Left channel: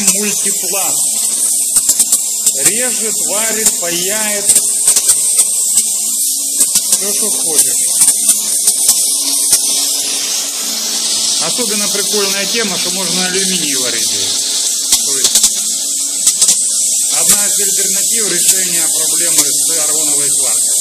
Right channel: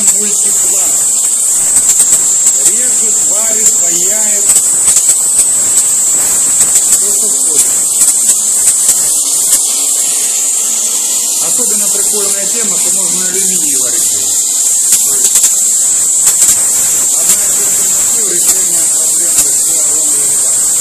мультипласт. Режет, варит, паяет. Все, что хочешь. Особенно прикольная тема, что можно на алюминии варить здесь. То есть одна из альтернатив решения проблемы с аргоновой платкой.